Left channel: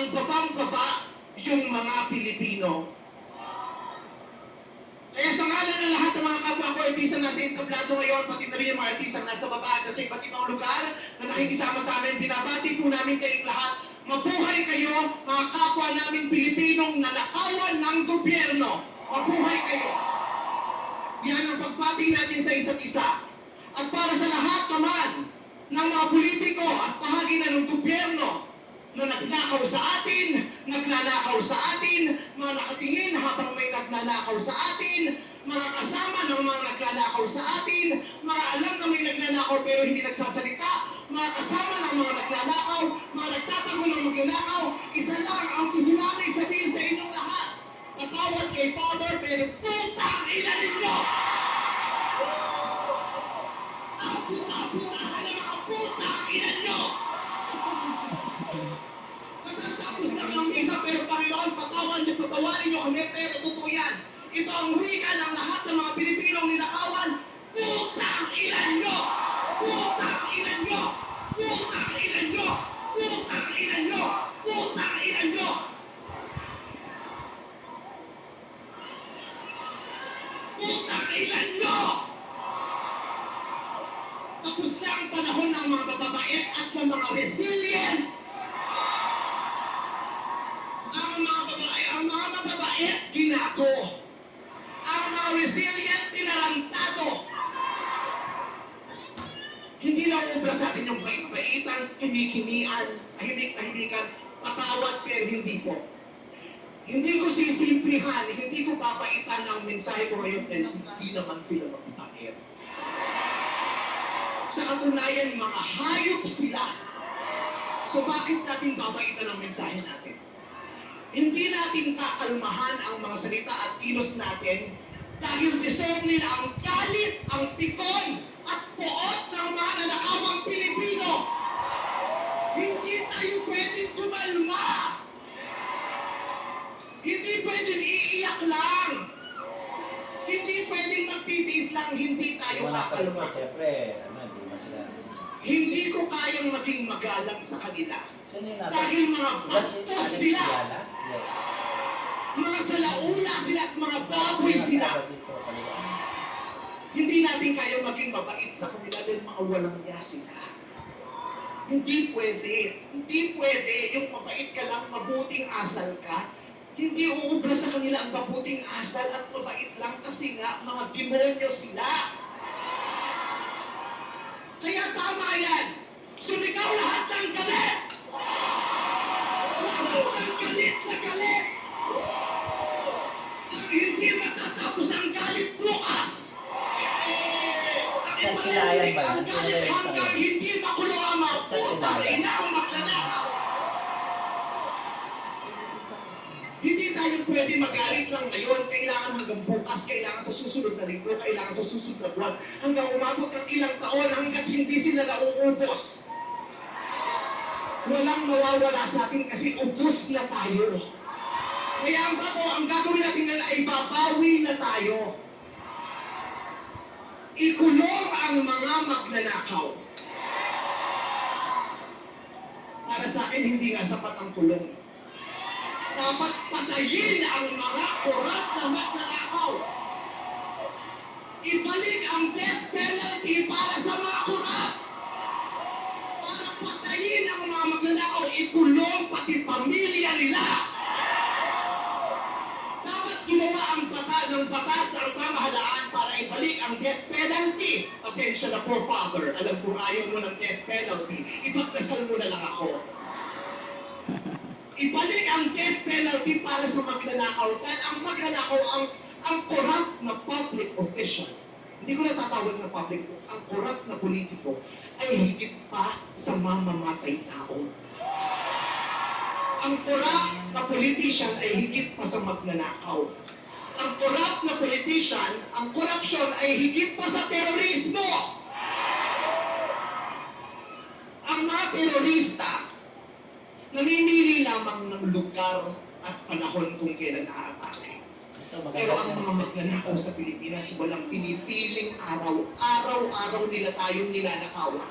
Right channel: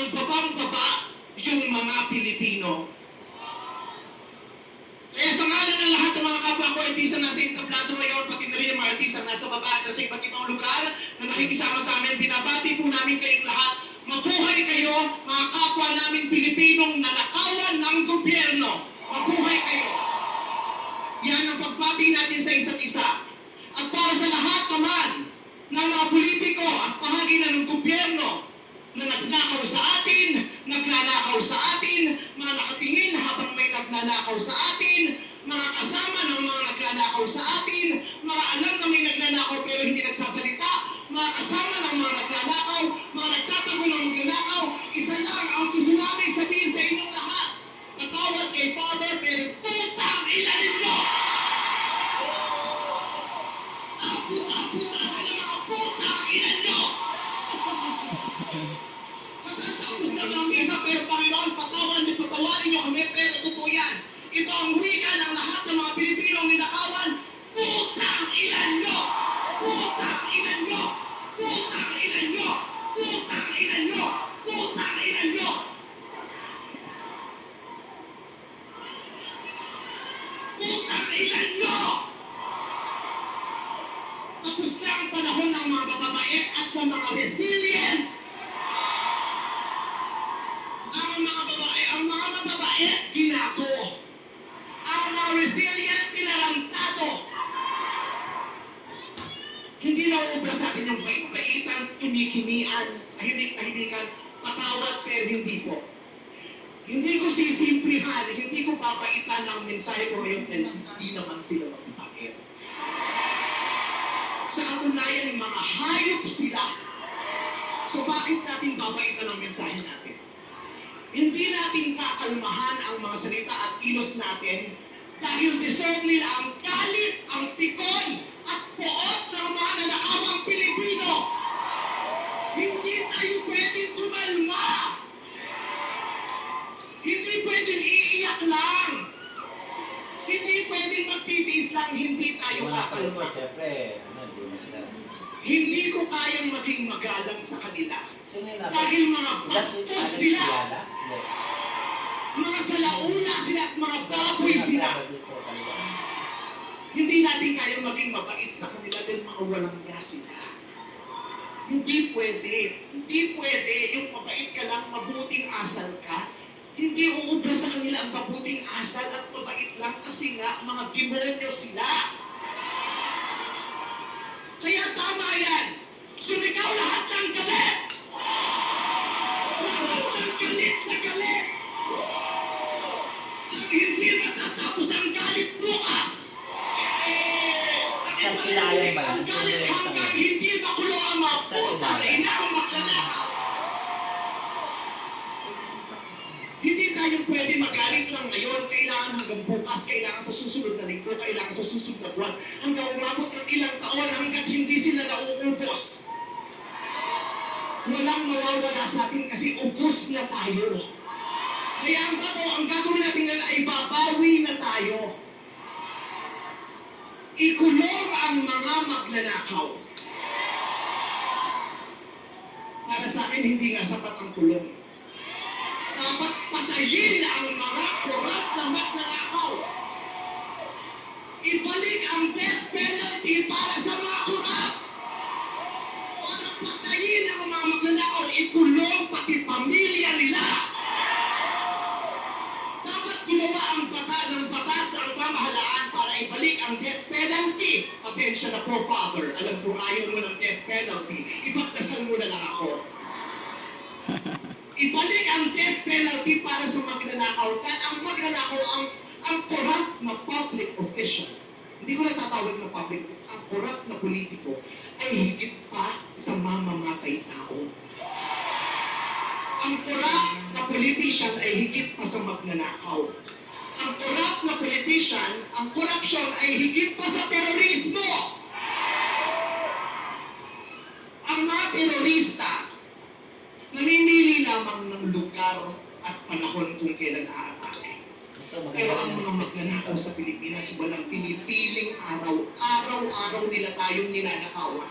ang babang-baba yung mga Pilipino. Kaya sa ngalan ng lahat ng mga kapwa ko artisan nasa entablado ngayon, pati na rin yung mga artisan nasa baba at sa iba't ibang lugar na nakikisama sa amin, binabati po namin kayong lahat. Mabuhay kayo, mga kapwa namin Pilipinong nanakawan ng gobyerno. Mabuhay kayo. Yan ang pagbati natin sa isa't isa. At para sa lahat naman ng mga politiko at bahagi na ng gobyerno na nagnakaw sa atin, nagnanakaw sa atin, mga nakatingin habang may nagnanakaw sa atin, mga kasama ng mga nagnanakaw sa atin, mga alam na may nagnanakaw pero hindi nagsasalita, mga kasama ng mga nagnanakaw, mga nagtatago ng magnanakaw, isa lang ang gusto namin sabihin sa inyong lahat. Patawad kay Father, pero putang ina ninyo! Puta-putahan ang mga putang ina nyo! Matatapos lang ng misa, pero Panginoon, patawarin nyo kami, pero totoo yan. Ito ang wika ng lahat ng mga Pilipinong ninakawan. Putang ina nyo! Putang ina nyo! Putang ina nyo! Putang ina nyo! Putang ina nyo! Putang ina nyo! Tapos na ang panahon ng mga mababait at ng mga resilient. Ang mga mababait, ginago. Ang mga resilient, tinarantado. Hindi na uubra sa atin yung bait-baitan, kimikimian, tahimik-tahimikan, patawad pero hindi po. Hindi ko sisimplihan, hindi ko papaitan ang mensahe ko ngayon dahil hindi naman sila mababait. Sa katunayan, mga hayop sila. So bakit natin babaitan ang mensahe natin? Hindi natin kakalmahan ang mga salita at kilos natin dahil deserve nila ang galit, ang pikon, at poot ng mga nanakawang Pilipino. Hindi tayo pwedeng tumalma. Hindi pwedeng iiyak lang. Hindi pwedeng magtitiis lang, hindi tayo kakalma. Hindi ko kayang maging magalang sa kanila. Dahil mga bastos sila. Mga salaula sila at mga baboy sila. Hindi natin kayang maging mabait sa kanila dahil mga walang niya sila. Hindi pwede. Hindi pwede. Yung mabait ka lang, mabuting asal ka. Hindi uubra sa kanila ang mabuting asal at mabait lang kasi nga mga demonyo sila. Kaya tama yan. Sumigaw lahat ng galit. Lahat ng galit na galit. Ang hindi matatapos ang galit bukas. Ang ipalalig ang galit hanggang hindi makulo ang mga putang ina ang magnanakaw. Hindi tayo pwede magalit lang ngayon. Kailangan hanggang bukas, kailangan sa susunod na linggo, kailangan sa susunod na buwan, hanggang umabot ng ilang taon hanggang hindi sila nauubos. Walang mawawala sa atin kasi ubos na tayo. Kaya ang gagawin natin ngayon ay babawi na tayo. Ikulong ang mga magnanakaw. Para sa akin, hindi nga sapat ang kulong. Dapat patayin ang mga korap na magnanakaw. Ibalik ang death penalty para sa mga korap. Para patayin ang mga magnanakaw, ikulong pati pamilya nila. Dapat ginawa ang batas ng pamahalaan para ibalik ang death penalty. Pasensya na po, Father. Alam kong ayaw mo ng death penalty. Ipagdasal mo na lang ako. Ibalik ang death penalty para sa magnanakaw. Dahil ang magnanakaw, ang corrupt na public official, hindi ko natatawag ng public, ang corrupt na politiko ay higit pa sa mamamatay tao. Ang corrupt na politician ay higit pa sa magnanakaw. Ang corrupt na politician, ang corruption ay higit pa sa terorismo. Ang mga terorista, namimili lamang ng lugar at panahon kung kailan aatake. Pero ang mga magnanakaw sa Pilipinas, walang pinipiling araw. Araw-araw nila tayong ninanakawan.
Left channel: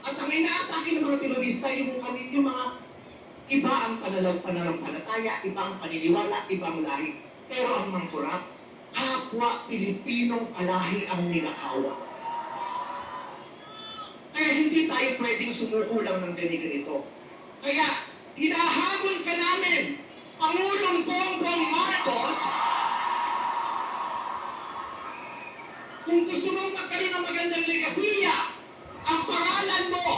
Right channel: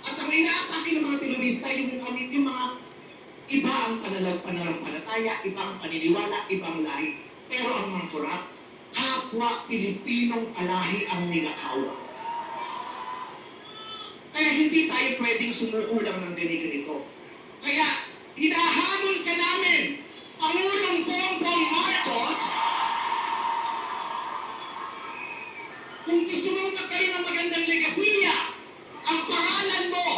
At ang inaatake ng mga terorista, yung mga ang pananampalataya, iba ang paniniwala, ibang lahi. Pero ang mangkurap, kapwa Pilipinong alahi ang ninakawa. Kaya hindi tayo pwedeng sumuko lang ng ganito. Kaya hinahamon ka namin, Pangulong Bongbong Marcos, kung gusto mong magkaroon ng magandang legasiya, ang pangalan mo,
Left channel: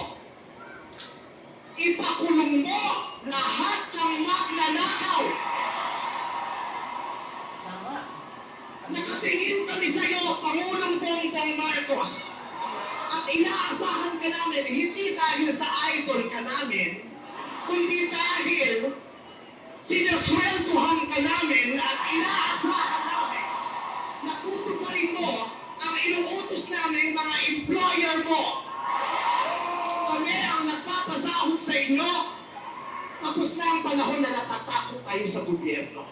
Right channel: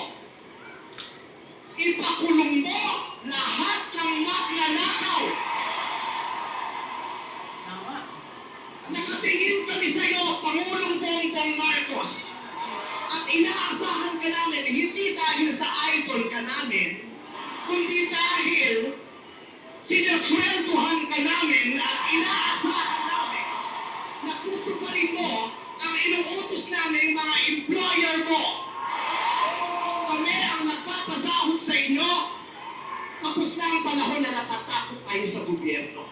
ipakulong mo lahat ng magnanakaw. Nakatingin kami sa iyo, Pangulong Bongbong Marcos. At inaasahan ka namin, hindi dahil sa idol ka namin, kundi dahil sinasweldohan ka namin at inaasahan namin na tutuparin mo ang inuutos namin mga employer mo. Kami ang nagpapasahod sa inyo, tapos na ang panahon na natatakot kayo sa gobyerno.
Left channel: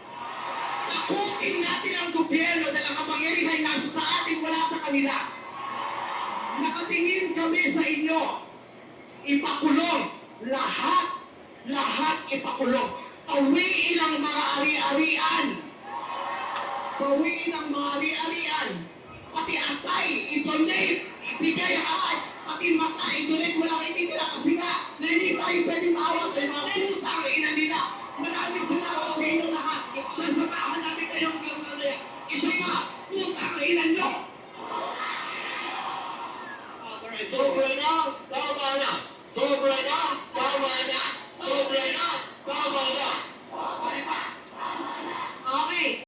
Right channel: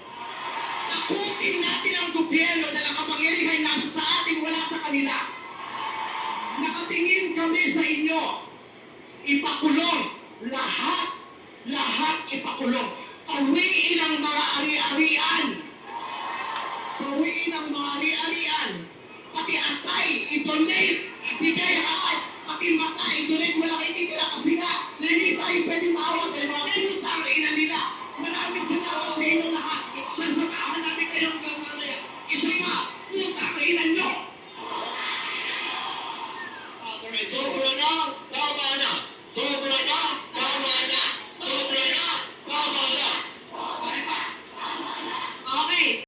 Takutin natin ang gobyerno dahil ang kapangyarihan nasa sa atin, wala sa kanila. Nakatingin kami sa inyo, ipakulong lahat ipakulong. Pawiin ang mga ari-arian. Pawiin ang mga ari-arian. Pati atay, ito